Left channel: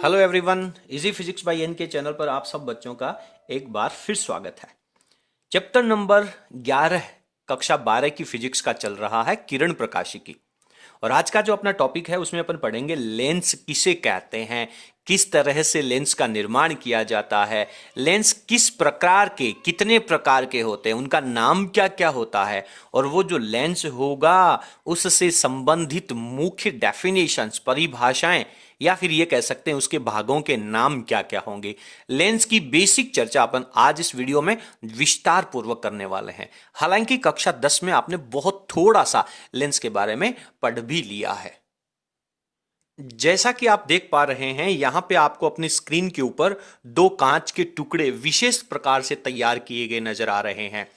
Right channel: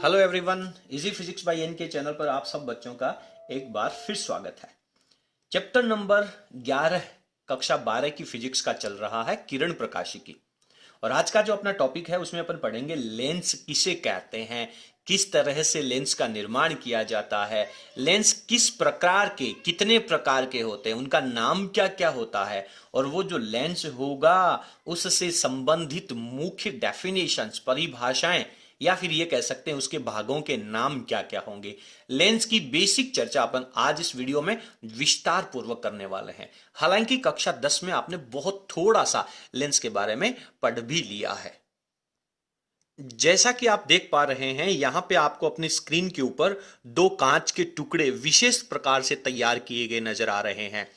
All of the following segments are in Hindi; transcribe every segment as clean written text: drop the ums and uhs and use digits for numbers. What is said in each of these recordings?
Hello everyone, easy physics by N K channel पर आप सब बच्चों का एक बार फिर स्वागत है। चैप्टर नंबर 11 कक्षा 12 की फिजिक्स का चल रहा है किरण प्रकाशिकी। और आज का जो अपना टॉपिक है उसमें अपन पढ़ेंगे लेंस किसे कहते हैं, किस तरह से लेंस का निर्माण किया जाता है, लेंस किस प्रकार के कितने प्रकार के होते हैं, उनका नाम क्या क्या होता है, और वो जो लेंस होगा उससे संबंधित मुख्य डेफिनेशंस परिभाषाएं या फिर ये कह सकते हैं उसके भागों के नाम क्या क्या होंगे। लेंस की बेसिक चर्चा अपन आज इस वीडियो में विस्तार पूर्वक करने वाले हैं। हालांकि कक्षा 10 में आपने बहुत थोड़ा सा लेंस के बारे में पढ़ भी लिया है। जैसा कि आप देख पा रहे हैं यहां पे आपको अपनी स्क्रीन के ऊपर दो कांच के टुकड़े विशेष प्रकार से तैयार किए गए नजर आ रहे हैं।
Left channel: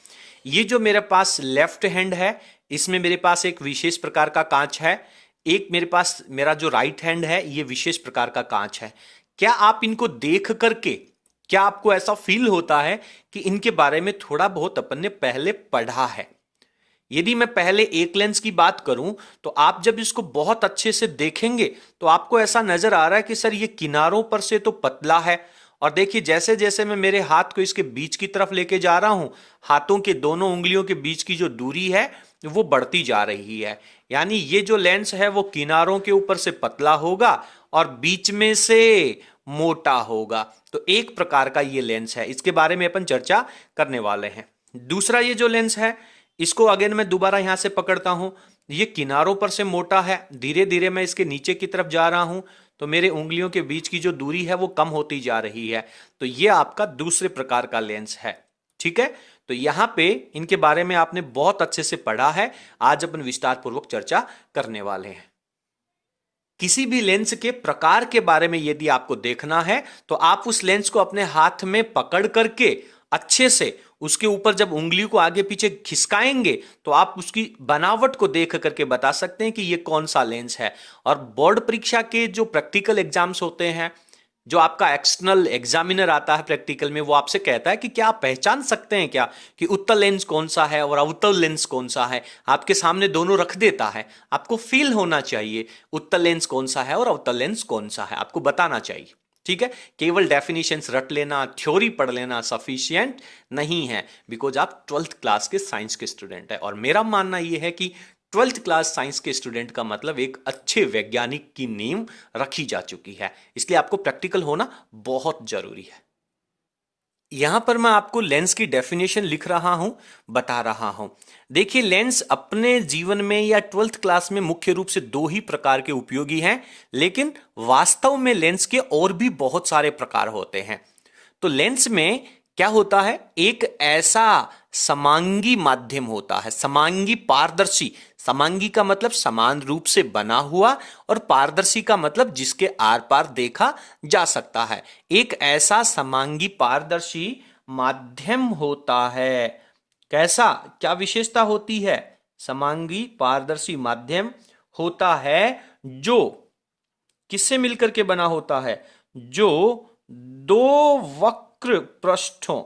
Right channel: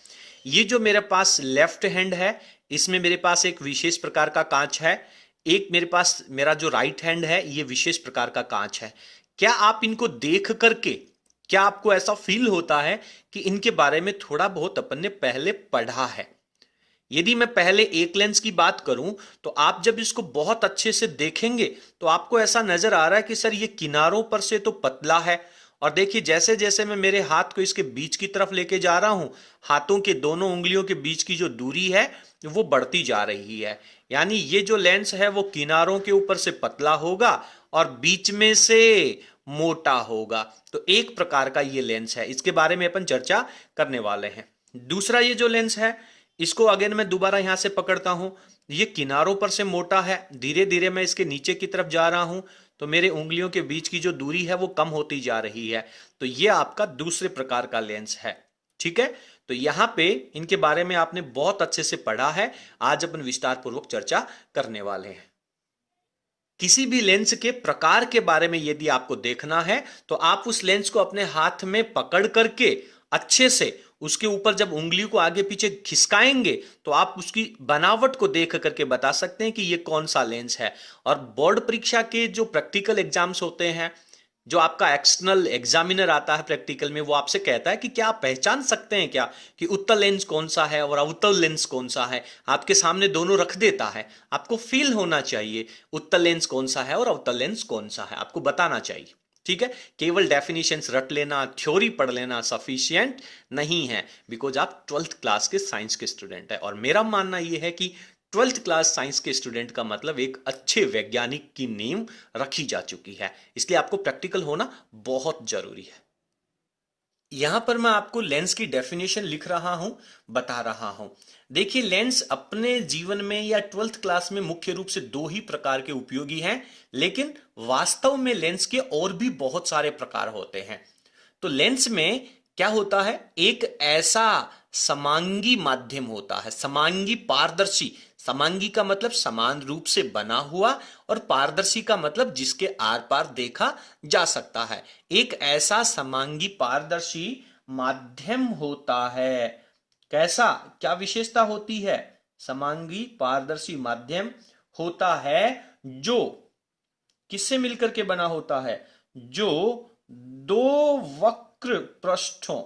ये जो मेरे पास लेफ्ट हैंड है इसमें मेरे पास एक विशेष प्रकार का कांच है, एक मेरे पास मेरा जो राइट हैंड है ये विशेष प्रकार का कांच है। क्या आप इनको देख करके क्या आपको ऐसा फील होता है कि इनके बारे में थोड़ा बहुत अपन ने पहले पढ़ा है? यदि मैं पहले एक लेंस की बात करूं तो आप जब इसको बहुत अच्छे से देखेंगे तो आपको ऐसा नजर आ रहा है कि सर ये किनारों पर से तो पतला है, और देखिए जैसे जैसे मैं मेरे हाथ को इसके बीच की तरफ लेके जा रहा हूं हाथों के दोनों उंगलियों के बीच की जो दूरी है वो बढ़ती जा रही है। यानी ये जो लेंस है वो किनारों के ऊपर से पतला होगा और बीच में से मोटा होगा। तो एक प्रकार का ये लेंस है, इसके बारे में अपन चर्चा करने वाले हैं। दूसरा ये जो लेंस है इसको अगेन मैं दोबारा यहां से पकड़ता हूं, ये किनारों पर से मोटा है, धीरे धीरे मैं इसके नीचे की तरफ जा रहा हूं तो मेरे उंगलियों के बीच की जो दूरी है वो कम होती जा रही है। तो ये आपका दूसरे प्रकार का लेंस है। ठीक है, तो यहां पे इनके बारे में आपने बहुत अच्छे से पढ़ा है, आज अपन विस्तार पूर्वक चर्चा करने वाले हैं। किसी भी लेंस के प्रकार के बारे में यदि आपको देखना है तो आप उस लेंस को अपने हाथ में पकड़ करके अच्छे से उसके ऊपर जब उंगली को आगे पीछे खिसकाएंगे तो आप उसकी बनावट को देख करके बता सकते हैं कि ये कौन सा लेंस है। और बोर्ड परीक्षा के जो प्रैक्टिकल एग्जाम्स होते हैं, जो आपका एक्सटर्नल एग्जामिनर आता है प्रैक्टिकल में, वो आपसे कहता है कि क्या आप पहचान सकते हैं क्या कि उत्तल लेंस कौन सा है और अवतल लेंस कौन सा है। आपके सामने दोनों रख देता है, आपको फील होना चाहिए उत्तल लेंस कौन सा है और अवतल लेंस कौन सा है, आपको बताना चाहिए। ठीक है, केवल डेफिनेशंस रट लेना थ्योरी पढ़ लेना सफिशिएंट नहीं है, बिकॉज आप 12th क्लास के साइंस के स्टूडेंट है। और मेरा मानना यह है कि 12th क्लास साइंस के स्टूडेंट का मतलब एक अच्छे वैज्ञानिक की नींव रखी जा चुकी है, इसलिए आपको प्रैक्टिकल होना बहुत जरूरी है। यहां पर मैं आपको लेंस की डेफिनेशन लिख रहा हूं, बता रहा हूं। देखिए लेंस अपने जीवन में या 12th क्लास में मुख्य रूप से दो ही प्रकार के उपयोगी हैं, लेकिन वास्तव में लेंस के और भी बहुत सारे प्रकार होते हैं। तो लेंस में क्या होता है, एक ऐसा समांगी माध्यम होता है, समांगी पारदर्शी। समांगी का मतलब समान रूप से बना हुआ और पारदर्शी का मतलब जिसके आर पार देखा जा सकता है। एक ऐसा समांगी पारदर्शी माध्यम होता है। कैसा, क्या विशेषता होती है? समांगी पारदर्शी माध्यम होता है जो किससे मिलकर के बना होता है? जो दो वक्र पृष्ठों,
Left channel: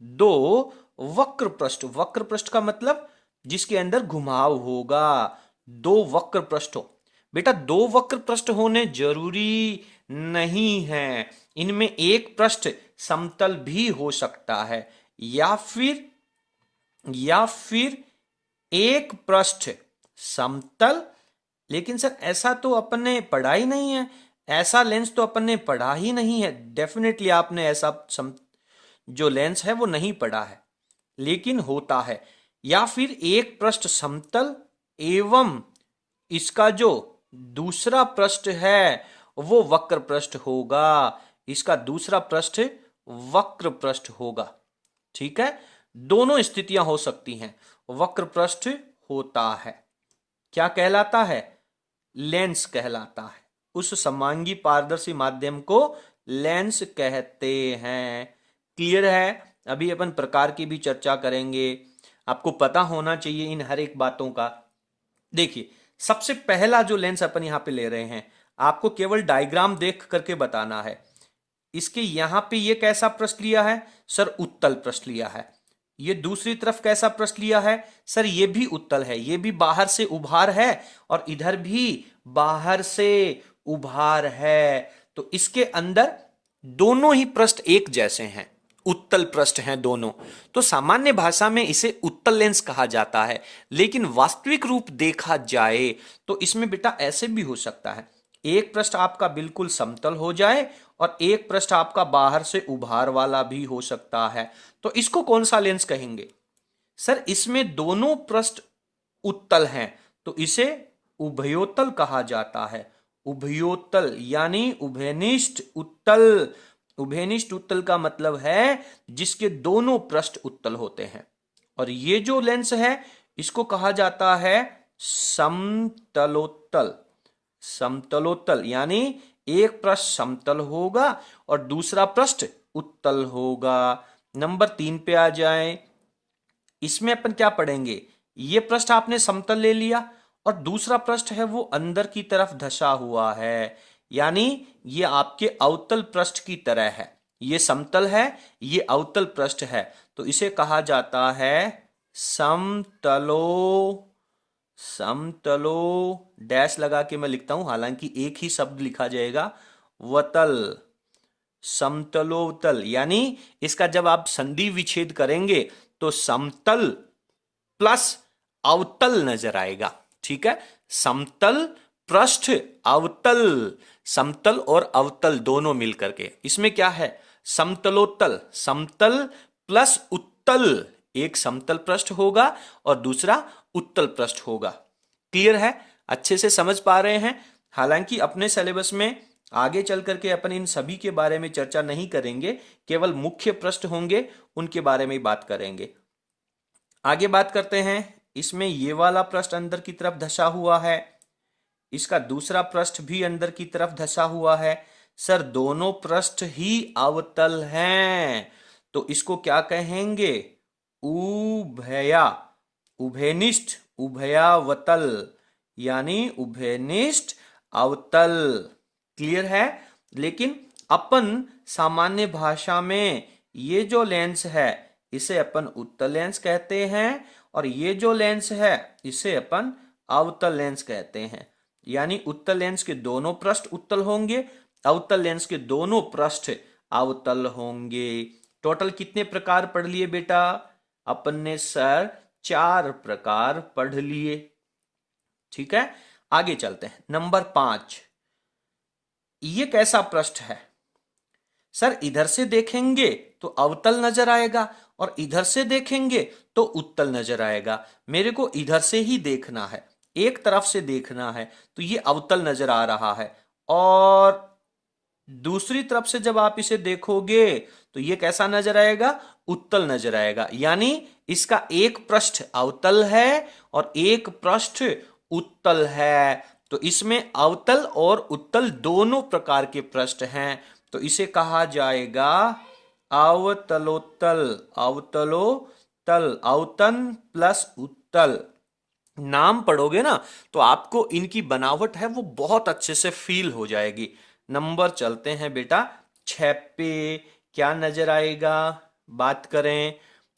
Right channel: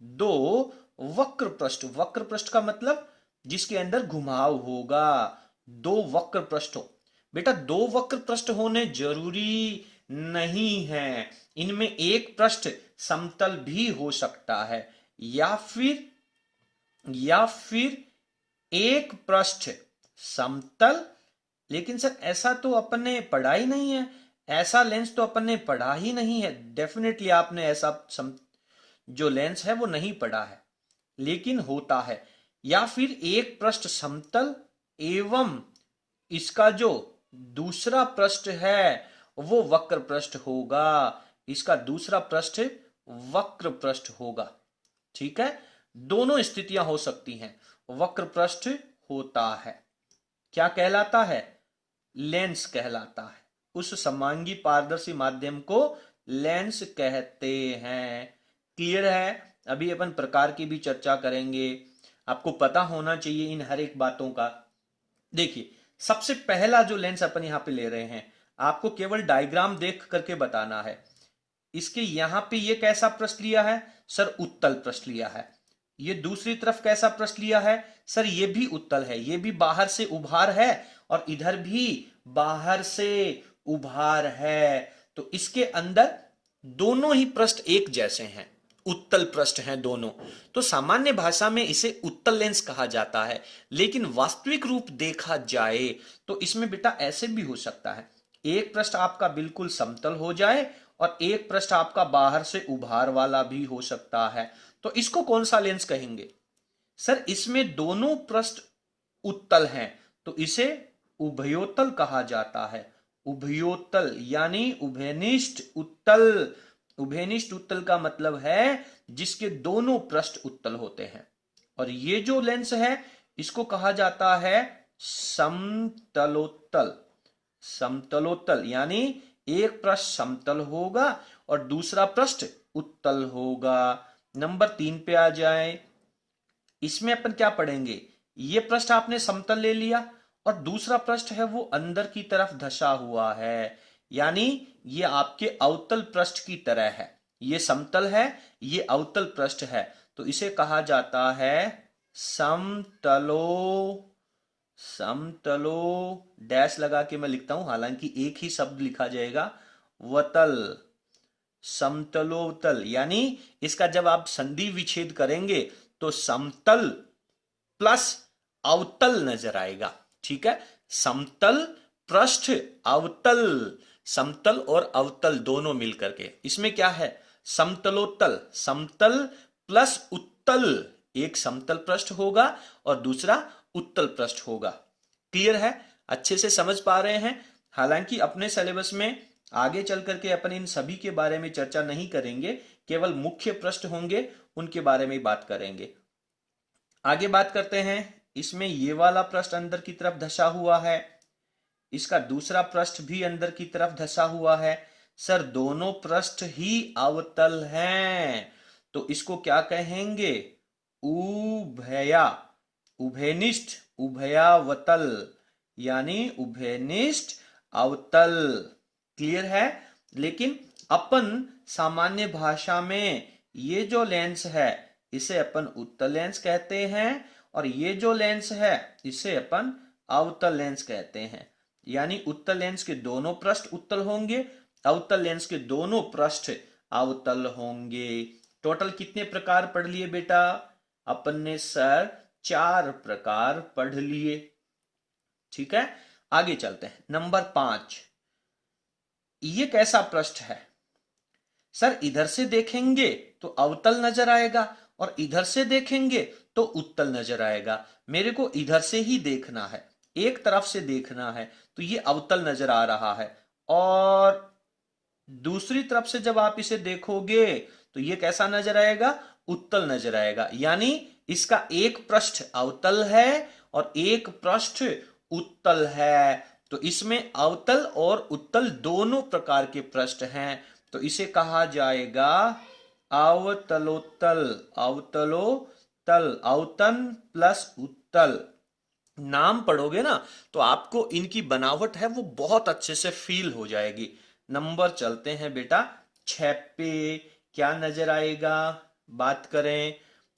दो वक्र पृष्ठ, वक्र पृष्ठ का मतलब जिसके अंदर घुमाव होगा, दो वक्र पृष्ठों। बेटा दो वक्र पृष्ठ होने जरूरी नहीं है, इनमें एक पृष्ठ समतल भी हो सकता है या फिर एक पृष्ठ समतल। लेकिन सर ऐसा तो अपन ने पढ़ा ही नहीं है, ऐसा लेंस तो अपन ने पढ़ा ही नहीं है। डेफिनेटली आपने ऐसा जो लेंस है वो नहीं पढ़ा है, लेकिन होता है। या फिर एक पृष्ठ समतल एवं इसका जो दूसरा पृष्ठ है वो वक्र पृष्ठ होगा, इसका दूसरा पृष्ठ वक्र पृष्ठ होगा। ठीक है, दोनों स्थितियां हो सकती हैं। वक्र पृष्ठ होता है, क्या कहलाता है? लेंस कहलाता है। उस समांगी पारदर्शी माध्यम को लेंस कहते हैं। क्लियर है? अभी अपन प्रकार की भी चर्चा करेंगे, आपको पता होना चाहिए इन हर एक बातों का। देखिए सबसे पहला जो लेंस अपन यहां पे ले रहे हैं, आपको केवल डायग्राम देख करके बताना है। इसके यहां पे ये कैसा पृष्ठ लिया है? सर उत्तल पृष्ठ लिया है। ये दूसरी तरफ कैसा पृष्ठ लिया है? सर ये भी उत्तल है, ये भी बाहर से उभार है और इधर भी बाहर से उभार है। तो इसके अंदर दोनों ही पृष्ठ एक जैसे हैं, उत्तल पृष्ठ हैं दोनों। तो सामान्य भाषा में इसे उत्तल लेंस कहा जाता है, लेकिन वास्तविक रूप देखा जाए तो इसमें बेटा ऐसे भी हो सकता है, एक पृष्ठ आपका बिल्कुल समतल हो जाए और एक पृष्ठ आपका बाहर से उभार वाला भी हो सकता है। तो इसको कौन सा लेंस कहेंगे? सर इसमें दोनों पृष्ठ उत्तल हैं, तो इसे उभयोतल कहा जाता है। उभयोतल यानी उभयनिष्ठ उत्तल। उभयनिष्ठ उत्तल का मतलब है जिसके दोनों पृष्ठ उत्तल होते हैं। और ये जो लेंस है इसको कहा जाता है समतलोत्तल। समतलोत्तल यानी एक पृष्ठ समतल होगा और दूसरा पृष्ठ उत्तल होगा। नंबर 3 पे आ जाए। इसमें अपन क्या पढ़ेंगे? ये पृष्ठ आपने समतल ले लिया और दूसरा पृष्ठ है वो अंदर की तरफ धसा हुआ है, यानी ये आपके अवतल पृष्ठ की तरह है। ये समतल है, ये अवतल पृष्ठ है, तो इसे कहा जाता है समतलो। समतलो डैश लगा के मैं लिखता हूं, हालांकि एक ही शब्द लिखा जाएगा, वतल। समतलोतल यानी इसका जब आप संधि विच्छेद करेंगे तो समतल प्लस अवतल नजर आएगा। ठीक है, समतल पृष्ठ अवतल, समतल और अवतल दोनों मिलकर के इसमें क्या है? समतलोत्तल। समतल प्लस उत्तल, एक समतल पृष्ठ होगा और दूसरा उत्तल पृष्ठ होगा। क्लियर है? अच्छे से समझ पा रहे हैं? हालांकि अपने सिलेबस में आगे चल करके अपन इन सभी के बारे में चर्चा नहीं करेंगे, केवल मुख्य पृष्ठ होंगे उनके बारे में बात करेंगे। आगे बात करते हैं। इसमें ये वाला पृष्ठ अंदर की तरफ धसा हुआ है, इसका दूसरा पृष्ठ भी अंदर की तरफ धसा हुआ है। सर दोनों पृष्ठ ही अवतल हैं, तो इसको क्या कहेंगे? उभया, उभयनिष्ठ, उभयावतल यानी उभयनिष्ठ अवतल। क्लियर है? लेकिन अपन सामान्य भाषा में ये जो लेंस है इसे अपन उत्तल लेंस कहते हैं और ये जो लेंस है इसे अपन अवतल लेंस कहते हैं। यानी उत्तल लेंस के दोनों पृष्ठ उत्तल होंगे, अवतल लेंस के दोनों पृष्ठ अवतल होंगे। टोटल कितने प्रकार पढ़ लिए बेटा? अपन ने सर 4 प्रकार पढ़ लिए। ठीक है, आगे चलते हैं। नंबर 5, ये कैसा पृष्ठ है? सर इधर से देखेंगे तो अवतल नजर आएगा और इधर से देखेंगे तो उत्तल नजर आएगा। मेरे को इधर से ही देखना है, एक तरफ से देखना है, तो ये अवतल नजर आ रहा है। और दूसरी तरफ से जब आप इसे देखोगे तो ये कैसा नजर आएगा? उत्तल नजर आएगा। यानी इसका एक पृष्ठ अवतल है और एक पृष्ठ उत्तल है, तो इसमें अवतल और उत्तल दोनों प्रकार के पृष्ठ हैं, तो इसे कहा जाएगा अवतलोत्तल। अवतलोत्तल, अवतन प्लस उत्तल। नाम पढ़ोगे ना तो आपको इनकी बनावट है वो बहुत अच्छे से फील हो जाएगी। नंबर चलते हैं बेटा 6 पे। क्या नजर आएगा? बात करें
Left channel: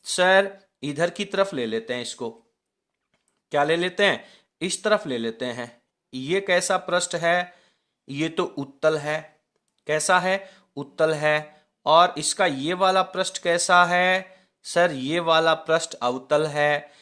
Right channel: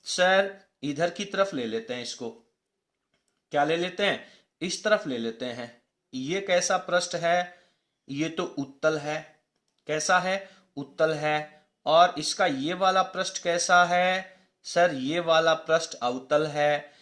सर, इधर की तरफ ले लेते हैं इसको। क्या ले लेते हैं? इस तरफ ले लेते हैं। ये कैसा पृष्ठ है? ये तो उत्तल है। कैसा है? उत्तल है। और इसका ये वाला पृष्ठ कैसा है? सर ये वाला पृष्ठ अवतल है।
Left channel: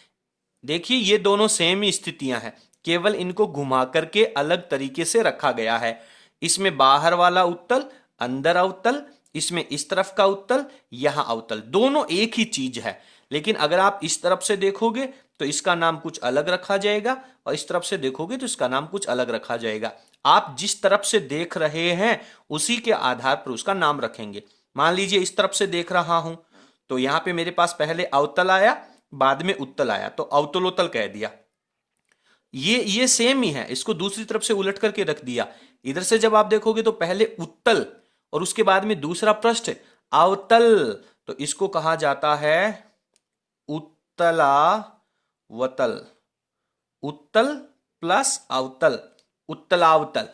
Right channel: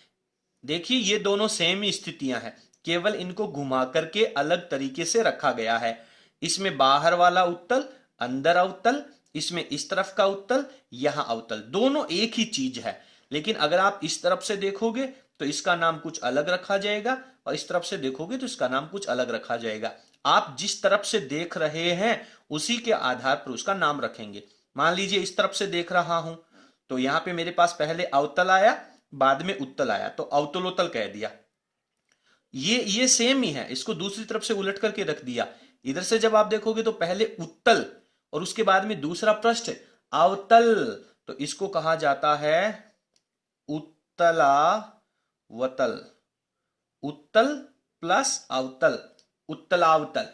देखिए ये दोनों सेम ही स्थितियां हैं, केवल इनको घुमा करके अलग तरीके से रखा गया है। इसमें बाहर वाला उत्तल, अंदर अवतल, इसमें इस तरफ का उत्तल, यहां अवतल, दोनों एक ही चीज है। लेकिन अगर आप इस तरफ से देखोगे तो इसका नाम कुछ अलग रखा जाएगा और इस तरफ से देखोगे तो इसका नाम कुछ अलग रखा जाएगा। आप जिस तरफ से देख रहे हैं उसी के आधार पर उसका नाम रखेंगे। मान लीजिए इस तरफ से देख रहा हूं तो यहां पे मेरे पास पहले अवतल आया, बाद में उत्तल आया, तो अवतलोत्तल कह दिया। ये सेम ही है, इसको दूसरी तरफ से उलट करके रख दिया। इधर से जब आप देखोगे तो पहले उत्तल और उसके बाद में दूसरा पृष्ठ अवतल, तो इसको कहा जाता है उत्तलावतल। उत्तल प्लस अवतल, उत्तलावतल।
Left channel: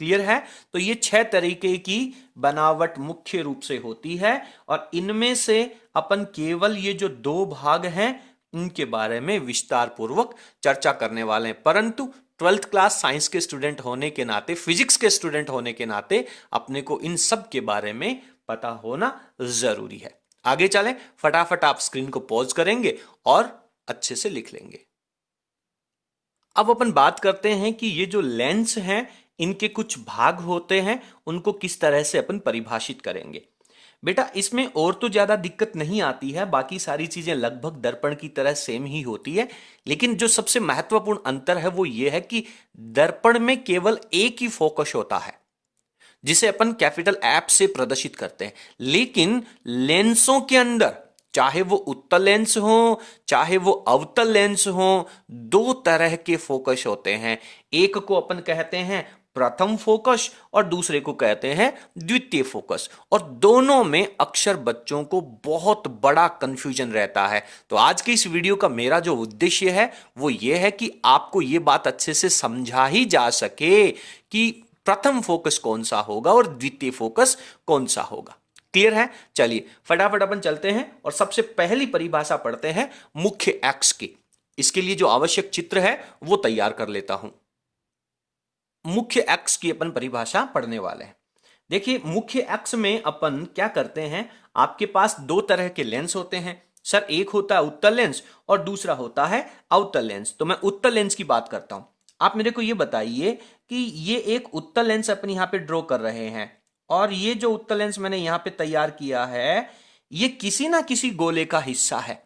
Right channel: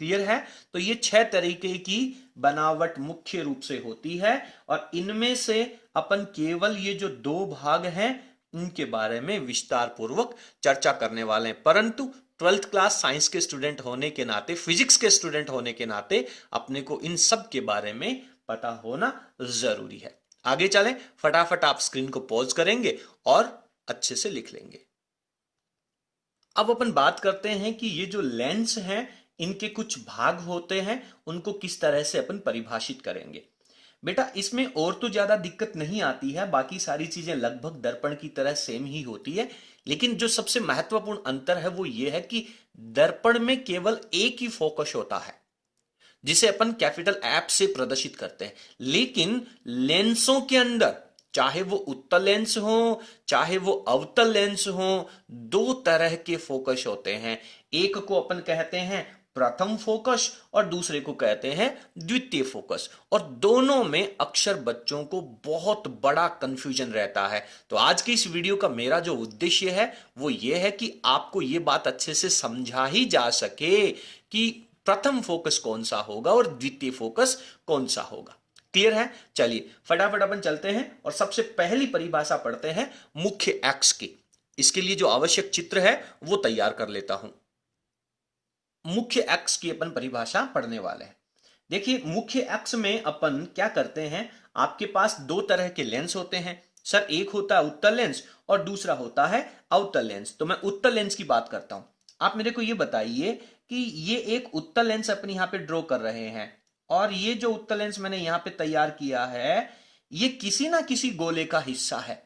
क्लियर है? तो ये 6 तरीके की बनावट मुख्य रूप से होती है और इनमें से अपन केवल ये जो 2 भाग हैं इनके बारे में विस्तार पूर्वक चर्चा करने वाले हैं। परंतु ट्वेल्थ क्लास साइंस के स्टूडेंट होने के नाते, फिजिक्स के स्टूडेंट होने के नाते अपने को इन सब के बारे में पता होना जरूरी है। आगे चलें, फटाफट आप स्क्रीन को पॉज करेंगे और अच्छे से लिख लेंगे। अब अपन बात करते हैं कि ये जो लेंस हैं इनके कुछ भाग होते हैं, उनको किस तरह से अपन परिभाषित करेंगे। बेटा इसमें और तो ज्यादा दिक्कत नहीं आती है, बाकी सारी चीजें लगभग दर्पण की तरह सेम ही होती है, लेकिन जो सबसे महत्वपूर्ण अंतर है वो ये है कि दर्पण में केवल एक ही फोकस होता है जिसे अपन कैपिटल एप से प्रदर्शित करते हैं, लेकिन लेंसों के अंदर चाहे वो उत्तल लेंस हो चाहे वो अवतल लेंस हो, दो तरह के फोकस होते हैं। एक को अपन कहते हैं प्रथम फोकस और दूसरे को कहते हैं द्वितीय फोकस, और दोनों में अक्सर बच्चों को बहुत बड़ा कंफ्यूजन रहता है। तो आज की इस वीडियो का मेरा जो उद्देश्य है वो ये है कि आपको ये बात अच्छे से समझा ही जा सके कि प्रथम फोकस कौन सा होगा और द्वितीय फोकस कौन सा होगा। क्लियर है? चलिए फटाफट अपन चलते हैं और सबसे पहली परिभाषा पढ़ते हैं मुख्य अक्ष की। इसके लिए जो आवश्यक चित्र है वो तैयार कर लेता हूं। मुख्य अक्ष की अपन परिभाषा पढ़ने वाले हैं। देखिए मुख्य अक्ष में अपन क्या करते हैं, आपके पास दो तरह के लेंस होते हैं सर, एक होता है उत्तल लेंस और दूसरा होता है अवतल लेंस। तो मैं उत्तल लेंस की बात करता हूं। आप मेरे को ये बताइए कि ये एक उत्तल लेंस अपन यहां पे ड्रॉ कर रहे हैं, और ये जो उत्तल लेंस मैंने यहां पे तैयार किया है ये किसी ना किसी गोले का हिस्सा है,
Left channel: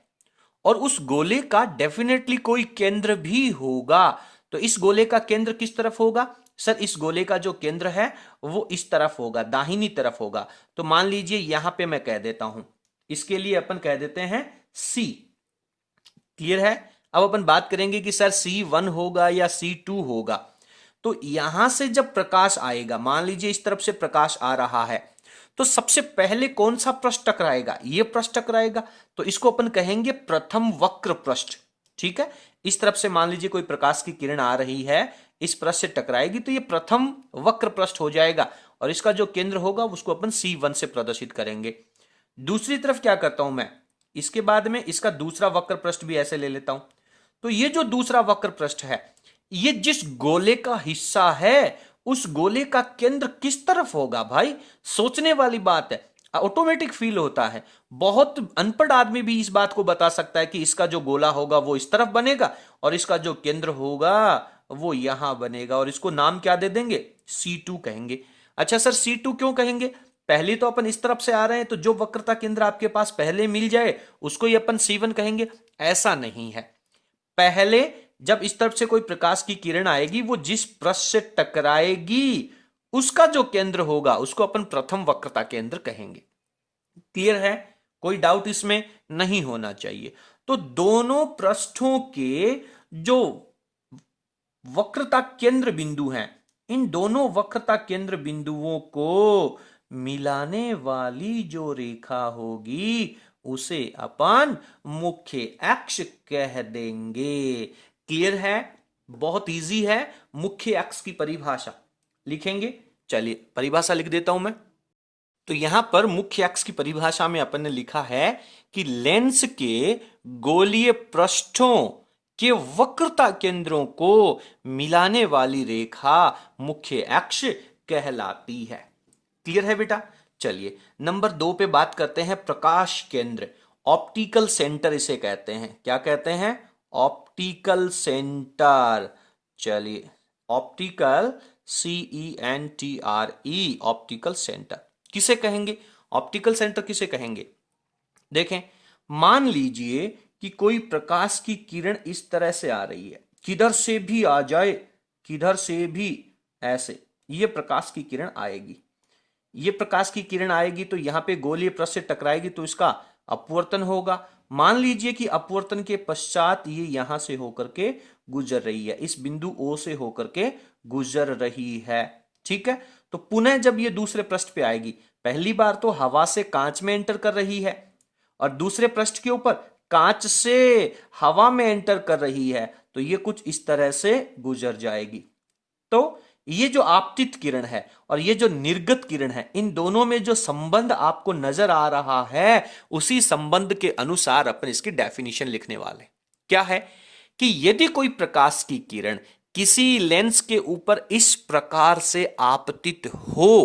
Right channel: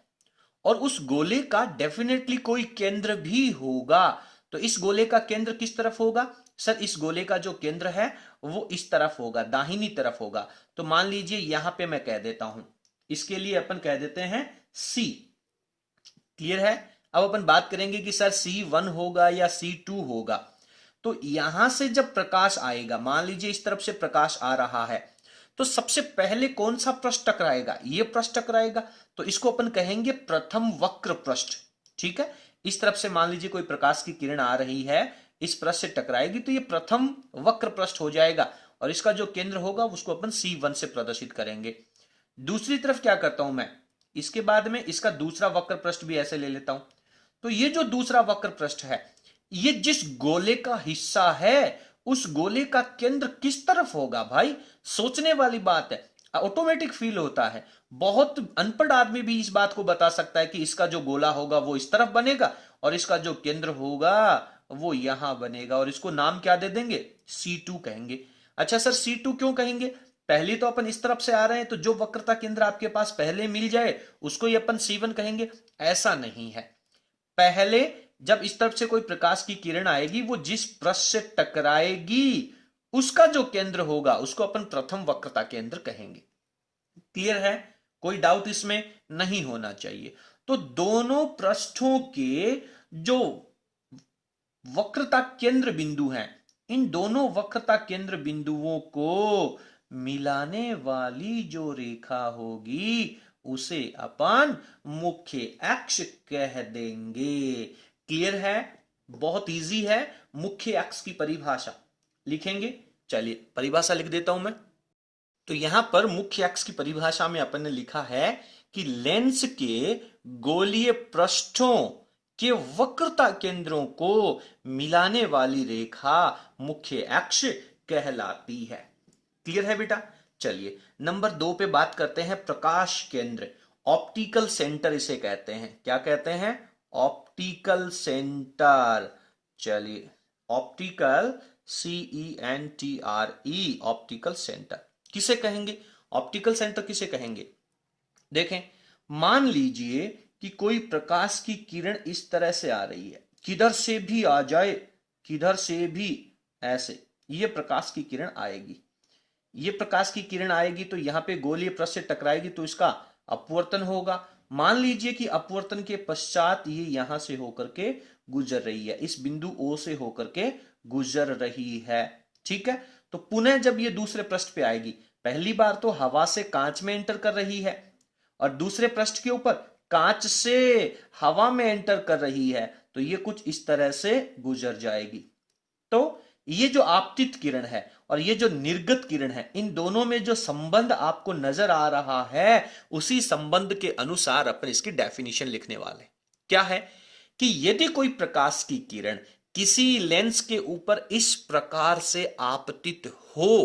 और उस गोले का डेफिनेटली कोई केंद्र भी होगा। तो इस गोले का केंद्र किस तरफ होगा सर? इस गोले का जो केंद्र है वो इस तरफ होगा, दाहिनी तरफ होगा। तो मान लीजिए यहां पे मैं कह देता हूं, इसके लिए अपन कह देते हैं C। क्लियर है? अब अपन बात करेंगे कि सर C1 होगा या C2 होगा। तो यहां से जब प्रकाश आएगा, मान लीजिए इस तरफ से प्रकाश आ रहा है, तो सबसे पहले कौन सा पृष्ठ टकराएगा? ये पृष्ठ टकराएगा। तो इसको अपन कहेंगे प्रथम वक्र पृष्ठ। ठीक है, इस तरफ से मान लीजिए कोई प्रकाश की किरण आ रही है, इस पृष्ठ से टकराएगी तो ये प्रथम वक्र पृष्ठ हो जाएगा, और इसका जो केंद्र होगा उसको अपन C1 से प्रदर्शित करेंगे। दूसरी तरफ क्या करता हूं मैं, इसके बाद में इसका दूसरा वक्र पृष्ठ भी ऐसे ले लेता हूं। तो ये जो दूसरा वक्र पृष्ठ है, ये जिस गोले का हिस्सा है उस गोले का केंद्र किस तरफ होगा भाई? सोचने वाली बात है, ऑटोमेटिक फील होता है। बहुत अनपढ़ आदमी भी इस बात को बता सकता है कि इसका जो गोला होगा वो इस तरफ बनेगा और इसका जो केंद्र होगा वो यहां बनेगा, और इसको नाम क्या दे देंगे? C2 कहेंगे। अच्छा सर C2 क्यों कहेंगे? पहले तो अपन इस तरफ से आ रहे हैं, तो जो वक्रता केंद्र आपके पास पहले मिल जाए उसको ही अपन C1 कहेंगे। ऐसा नहीं है, पहले जब इस तरफ से कोई प्रकाश की किरण आएगी वो जिस पृष्ठ से टकराएगी उसका जो केंद्र होगा उसको अपन प्रथम वक्रता केंद्र कहेंगे। क्लियर है? कोई डाउट इसमें नहीं होना चाहिए। तो दोनों पृष्ठों के जो वक्रता केंद्र बिंदु हैं, इन दोनों वक्रता केंद्र बिंदुओं को मिलाने वाली जो रेखा होगी उसे अपन मुख्य अक्ष कह देंगे। क्लियर है? बहुत इजी है। मुख्य अक्ष की परिभाषा लिखेंगे। चलिए परिभाषा लिख देता हूं मैं। तो यहां पर मुख्य अक्ष की परिभाषा में अपन ने लिखा है कि लेंस के गोलीय पृष्ठों के वक्रता केंद्रों को मिलाने वाली रेखा मुख्य अक्ष कहलाती है। क्लियर है बेटा? चलिए नंबर 2 पे बात करते हैं प्रकाश केंद्र। ऑप्टिकल सेंटर इसे कहते हैं। क्या कहते हैं? Optical centre. चलिए ऑप्टिकल CENTRE, ऑप्टिकल सेंटर किसे कहेंगे? ऑप्टिकल सेंटर किसे कहेंगे? देखें, मान लीजिए कि कोई प्रकाश की किरण इस तरह से आ रही है, किधर से भी आ जाए, किधर से भी, ऐसे ये प्रकाश की किरण आएगी। ये प्रकाश की किरण आएगी तो यहां पे गोलीय पृष्ठ से टकराएगी तो इसका अपवर्तन होगा। मान लीजिए कि अपवर्तन के पश्चात ये यहां से होकर के गुजर रही है, इस बिंदु O से होकर के गुजर रही है। ठीक है, तो पुनः जब ये दूसरे पृष्ठ पे आएगी, पहली बार तो हवा से कांच में एंटर कर रही है और दूसरे पृष्ठ के ऊपर कांच से हवा में एंटर कर रही है, तो ये कुछ इस तरह से गुजर जाएगी। तो ये जो आपतित किरण है और ये जो निर्गत किरण है, इन दोनों में जो संबंध आपको नजर आ रहा है उसी संबंध के अनुसार अपन इसकी डेफिनेशन लिखने वाले। क्या है कि यदि कोई प्रकाश की किरण किसी लेंस के ऊपर इस प्रकार से आपतित हो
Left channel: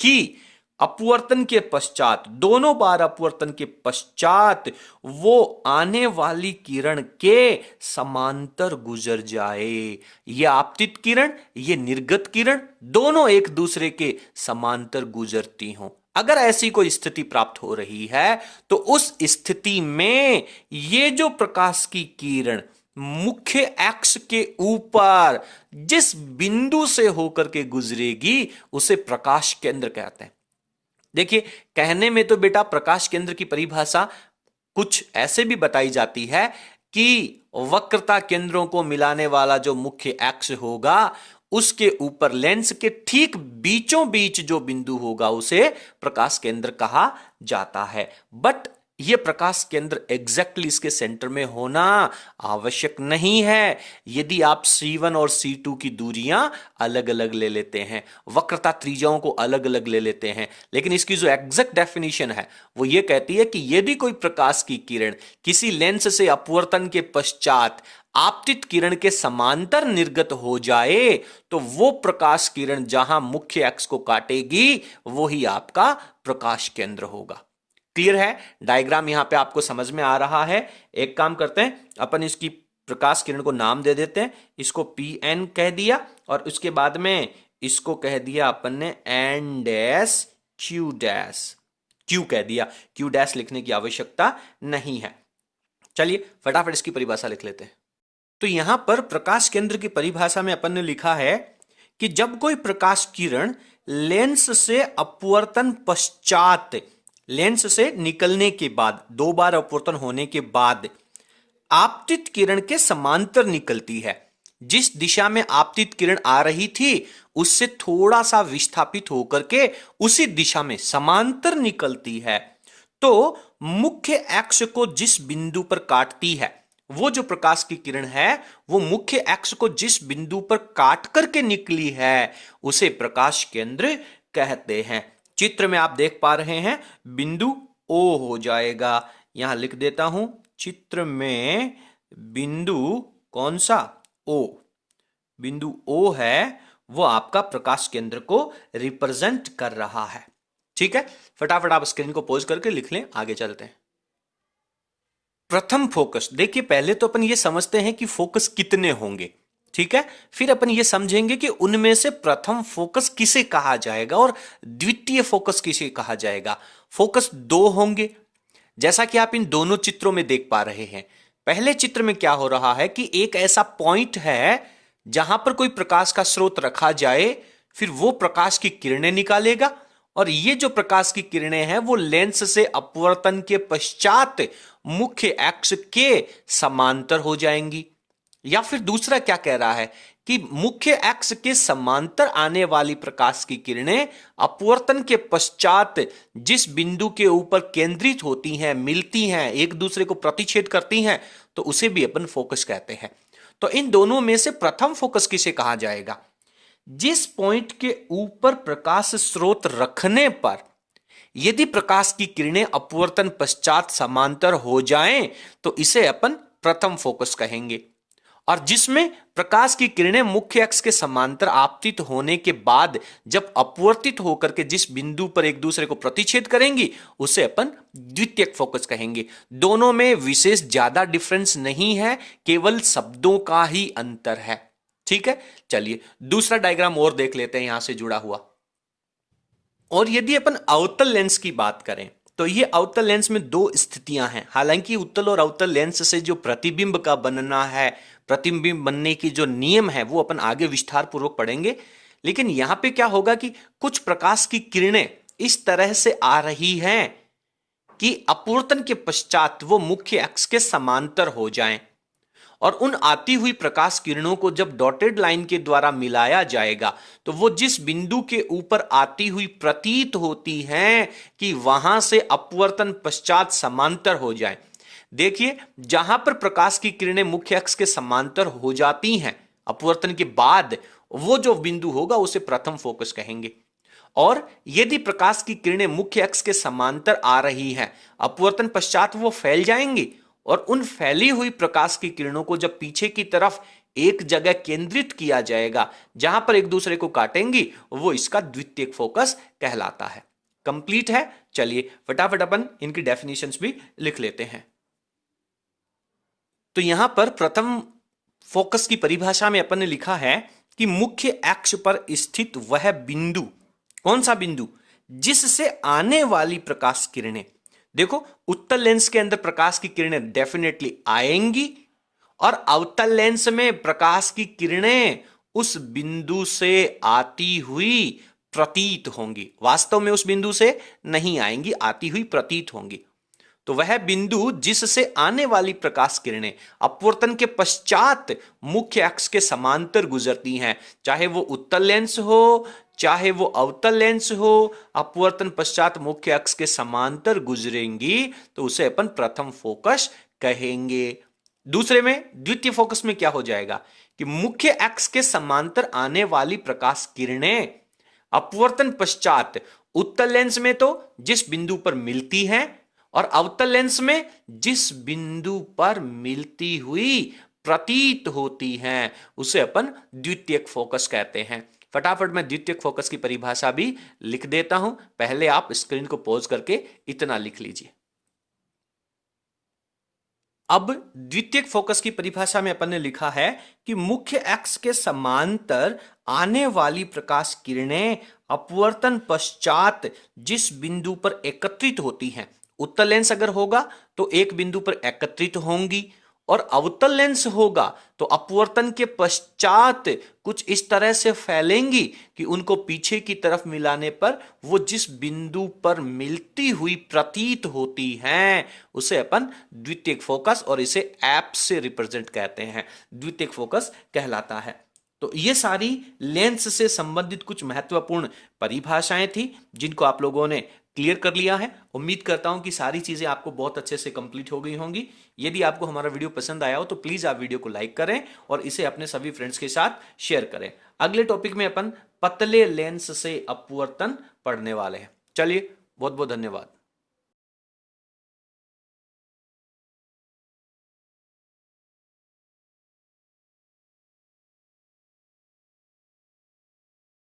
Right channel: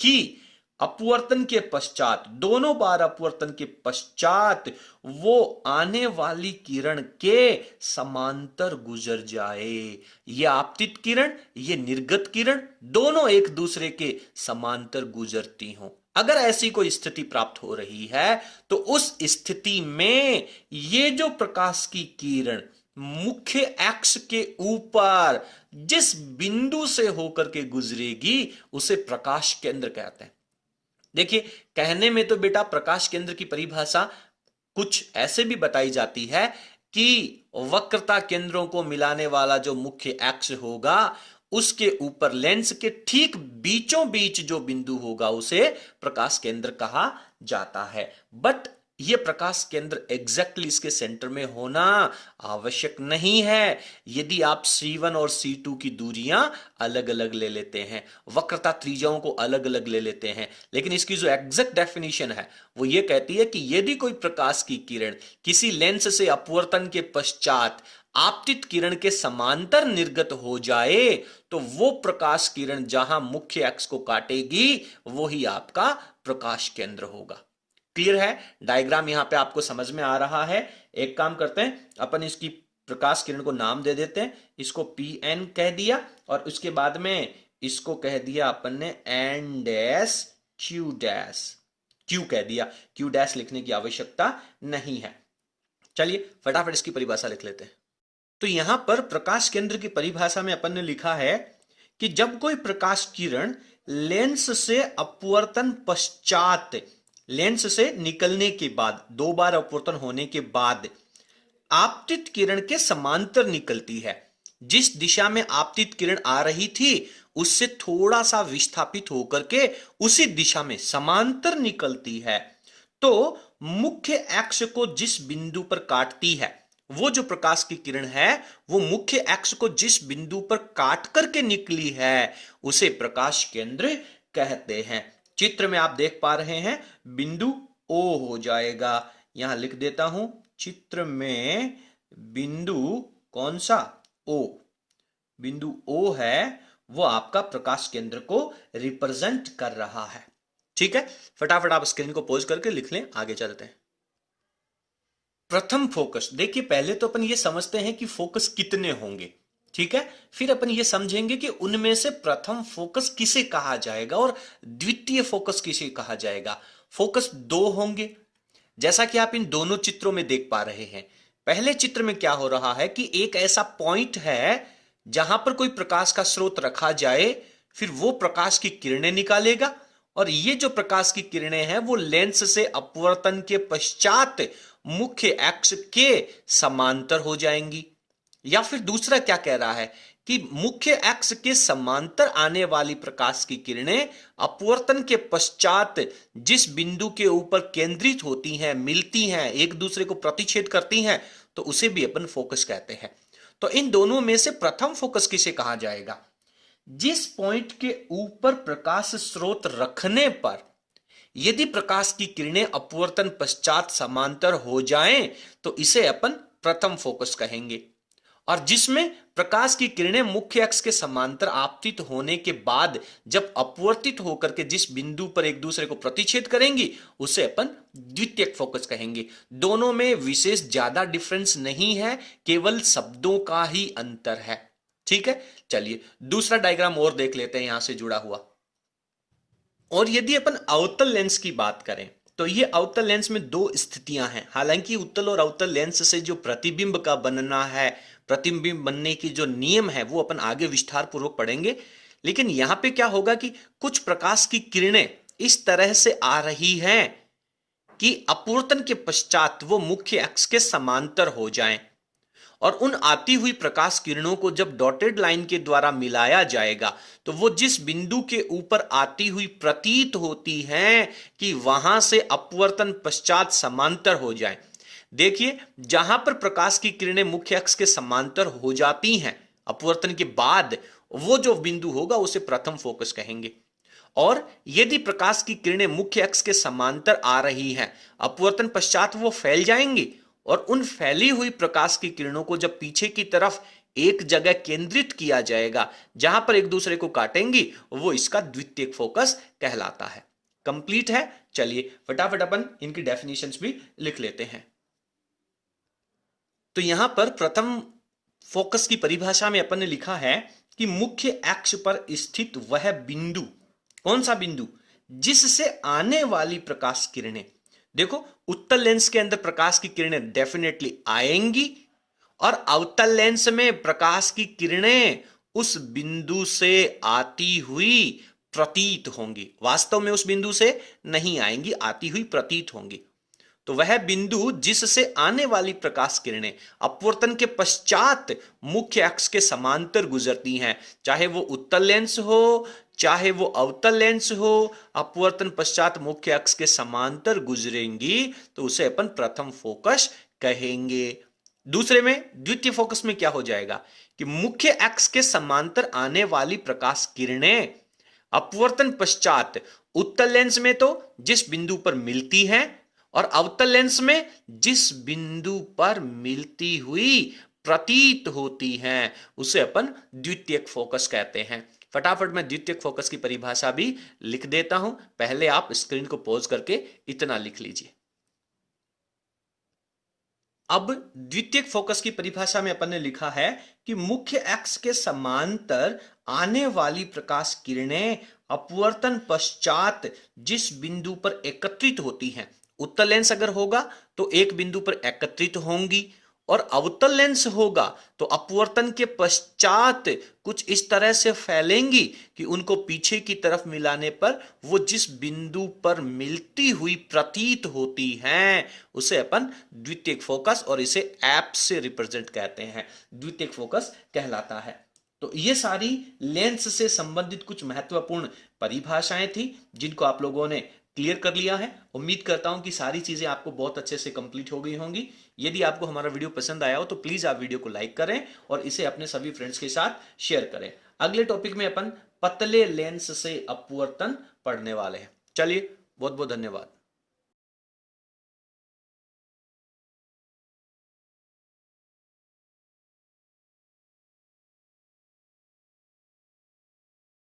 कि अपवर्तन के पश्चात, दोनों बार अपवर्तन के पश्चात वो आने वाली किरण के समांतर गुजर जाए। ये आपतित किरण, ये निर्गत किरण दोनों एक दूसरे के समांतर गुजरती हों। अगर ऐसी कोई स्थिति प्राप्त हो रही है तो उस स्थिति में ये जो प्रकाश की किरण मुख्य एक्स के ऊपर जिस बिंदु से होकर के गुजरेगी उसे प्रकाश केंद्र कहते हैं। देखिए, कहने में तो बेटा प्रकाश केंद्र की परिभाषा कुछ ऐसे भी बताई जाती है कि वक्रता केंद्रों को मिलाने वाला जो मुख्य एक्स होगा उसके ऊपर लेंस के ठीक बीचों बीच जो बिंदु होगा उसे प्रकाश केंद्र कहा जाता है। बट यह प्रकाश केंद्र एग्जैक्टली इसके सेंटर में होना आवश्यक नहीं है। यदि आप C1 और C2 की दूरियां अलग अलग ले लेते हैं, वक्रता त्रिज्याओं को अलग अलग ले लेते हैं, लेकिन इसकी जो एग्जैक्ट डेफिनेशन है वो ये कहती है कि यदि कोई प्रकाश की किरण किसी लेंस से अपवर्तन के पश्चात आपतित किरण के समांतर निर्गत हो जाए तो वो प्रकाश किरण जहां मुख्य एक्स को काटेगी वही आपका प्रकाश केंद्र होगा। क्लियर है? डायग्राम यहां पे आपको समझ में आ रहा है। एक काम करते हैं, अपन इसकी प्रकाश किरण को नाम दे देते हैं। इसको Pn कह दिया और उसके बाद में इसको कह दिया अपन ने N dash Q dash, Q कह दिया। Q डैश लिखने की आवश्यकता नहीं है। चलिए फटाफट इसकी परिभाषा लिख लेते हैं। तो यहां पर प्रकाश केंद्र की परिभाषा में अपन ने लिखा है कि जब कोई प्रकाश किरण लेंस से अपवर्तन पश्चात, लेंस से निकलने के बाद, दो बार अपवर्तन होने के बाद आपतित किरण के समांतर निकलती है, जिस दिशा में आपतित किरण आ रही थी उससे थोड़ा सा विस्थापित होकर के उसी दिशा में समांतर निकलती है, तो मुख्य एक्स को जिस बिंदु पर काटती है, वो जो प्रकाश की किरण है वो मुख्य एक्स को जिस बिंदु पर काट करके निकली है उसे प्रकाश केंद्र कहते हैं। चित्र में आप देख पा रहे हैं बिंदु O हो जाएगा, यहां लिख देता हूं चित्र में बिंदु कौन सा? O। बिंदु O है वो आपका प्रकाश केंद्र को रिप्रेजेंट कर रहा है। ठीक है, फटाफट आप स्क्रीन को पॉज करके लिख लें, आगे चलते हैं। प्रथम फोकस, देखिए पहले तो अपन ये समझते हैं कि फोकस कितने होंगे, ठीक है, फिर अपन ये समझेंगे कि उनमें से प्रथम फोकस किसे कहा जाएगा और द्वितीय फोकस किसे कहा जाएगा। फोकस दो होंगे, जैसा कि आप इन दोनों चित्रों में देख पा रहे हैं। पहले चित्र में क्या हो रहा है कि एक ऐसा पॉइंट है जहां पर कोई प्रकाश का स्रोत रखा जाए, फिर वो प्रकाश की किरणें निकालेगा और ये जो प्रकाश की किरणें हैं वो लेंस से अपवर्तन के पश्चात मुख्य एक्स के समांतर हो जाएंगी। या फिर दूसरा क्या कह रहा है कि मुख्य एक्स के समांतर आने वाली प्रकाश की किरणें अपवर्तन के पश्चात जिस बिंदु के ऊपर केंद्रित होती हैं, मिलती हैं, एक दूसरे को प्रतिच्छेद करती हैं, तो उसे भी अपन फोकस कहते हैं। तो इन दोनों में से प्रथम फोकस किसे कहा जाएगा? जिस पॉइंट के ऊपर प्रकाश स्रोत रखने पर यदि प्रकाश की किरणें अपवर्तन पश्चात समांतर हो जाएं तो इसे अपन प्रथम फोकस कहेंगे। और जिसमें प्रकाश की किरणें मुख्य अक्ष के समांतर आपतित होने के बाद जब अपवर्तित होकर के जिस बिंदु पर एक दूसरे को प्रतिच्छेद करेंगी उसे अपन द्वितीयक फोकस कहेंगे। दोनों में विशेष ज्यादा डिफरेंस नहीं है, केवल शब्दों का ही अंतर है। ठीक है, चलिए दूसरा डायग्राम और देख लेते हैं यहां से जुड़ा हुआ। और यदि अपन अवतल लेंस की बात करें तो ये अवतल लेंस में दो स्थितियां हैं। हालांकि उत्तल और अवतल लेंस से जो प्रतिबिंब का बनना है, प्रतिबिंब बनने की जो नियम है वो अपन आगे विस्तार पूर्वक पढ़ेंगे। लेकिन यहां पे क्या होगा कि कुछ प्रकाश की किरणें इस तरह से आ रही हैं कि अपवर्तन के पश्चात वो मुख्य अक्ष के समांतर हो जाएं, और उन आती हुई प्रकाश किरणों को जब डॉटेड लाइन के द्वारा मिलाया जाएगा तो वो जिस बिंदु के ऊपर आती हुई प्रतीत होती हैं कि वहां से अपवर्तन पश्चात समांतर हो जाए। देखिए, जहां पर प्रकाश की किरणें मुख्य अक्ष के समांतर हो जाती हैं अपवर्तन के बाद, वो जो बिंदु होगा उसे प्रथम फोकस कहेंगे। और यदि प्रकाश की किरणें मुख्य अक्ष के समांतर आ रही हैं, अपवर्तन पश्चात वो फैल जाएंगी और उन फैली हुई प्रकाश की किरणों को जब पीछे की तरफ एक जगह केंद्रित किया जाएगा, जहां पर एक दूसरे को काटेंगी, वो इसका द्वितीयक फोकस कहलाता है। कंप्लीट है। चलिए फटाफट अपन इनकी डेफिनेशंस भी लिख लेते हैं। तो यहां पर प्रथम फोकस की परिभाषा में अपन ने लिखा है कि मुख्य अक्ष पर स्थित वह बिंदु, कौन सा बिंदु, जिससे आने वाली प्रकाश किरणें, देखो उत्तल लेंस के अंदर प्रकाश की किरणें डेफिनेटली आएंगी और अवतल लेंस में प्रकाश की किरणें उस बिंदु से आती हुई प्रतीत होंगी, वास्तव में उस बिंदु से नहीं आएंगी, आती हुई प्रतीत होंगी। तो वह बिंदु जिससे आने वाली प्रकाश किरणें अपवर्तन के पश्चात मुख्य अक्ष के समांतर गुजरती हैं, चाहे वो उत्तल लेंस हो चाहे वो अवतल लेंस हो, अपवर्तन पश्चात मुख्य अक्ष के समांतर गुजरेंगी, तो उसे अपन प्रथम फोकस कहेंगे। दूसरे में, द्वितीय फोकस में क्या हो जाएगा कि मुख्य अक्ष के समांतर आने वाली प्रकाश किरणें अपवर्तन पश्चात उत्तल लेंस में तो जिस बिंदु पर मिलती हैं और अवतल लेंस में जिस बिंदु पर मिलती हुई प्रतीत होती हैं, उसे अपन द्वितीयक फोकस कहते हैं। फटाफट मैं द्वितीयक फोकस की परिभाषा भी लिख देता हूं, पहले आप स्क्रीन को पॉज करके इतना लिख लीजिए। अब द्वितीयक फोकस की परिभाषा में अपन ने लिखा है कि मुख्य अक्ष के समांतर आने वाली प्रकाश किरणें अपवर्तन पश्चात जिस बिंदु पर एकत्रित होती हैं, उत्तल लेंस अगर होगा तो एक बिंदु पर एकत्रित होंगी और अवतल लेंस होगा तो अपवर्तन के पश्चात कुछ इस तरह से फैलेंगी कि उनको पीछे की तरफ मिलाने पर वो जिस बिंदु पर मिलती हुई प्रतीत होती हैं, उसे अपन द्वितीयक फोकस और इसे एप से रिप्रेजेंट कहते हैं, द्वितीयक फोकस कहलाता है। तो ये सारी लेंस से संबंधित कुछ महत्वपूर्ण परिभाषाएं थी जिनको आप लोगों ने क्लियर कर लिया है। उम्मीद करता हूं कि सारी चीजें आपको बहुत अच्छे से कंप्लीट हो गई होंगी। यदि आपको हमारा वीडियो पसंद आया हो तो प्लीज आप वीडियो को लाइक करें और इसे अपने सभी फ्रेंड्स के साथ शेयर करें। अगले टॉपिक में अपन पतले लेंस से अपवर्तन पढ़ने वाले हैं। चलिए, बहुत बहुत धन्यवाद।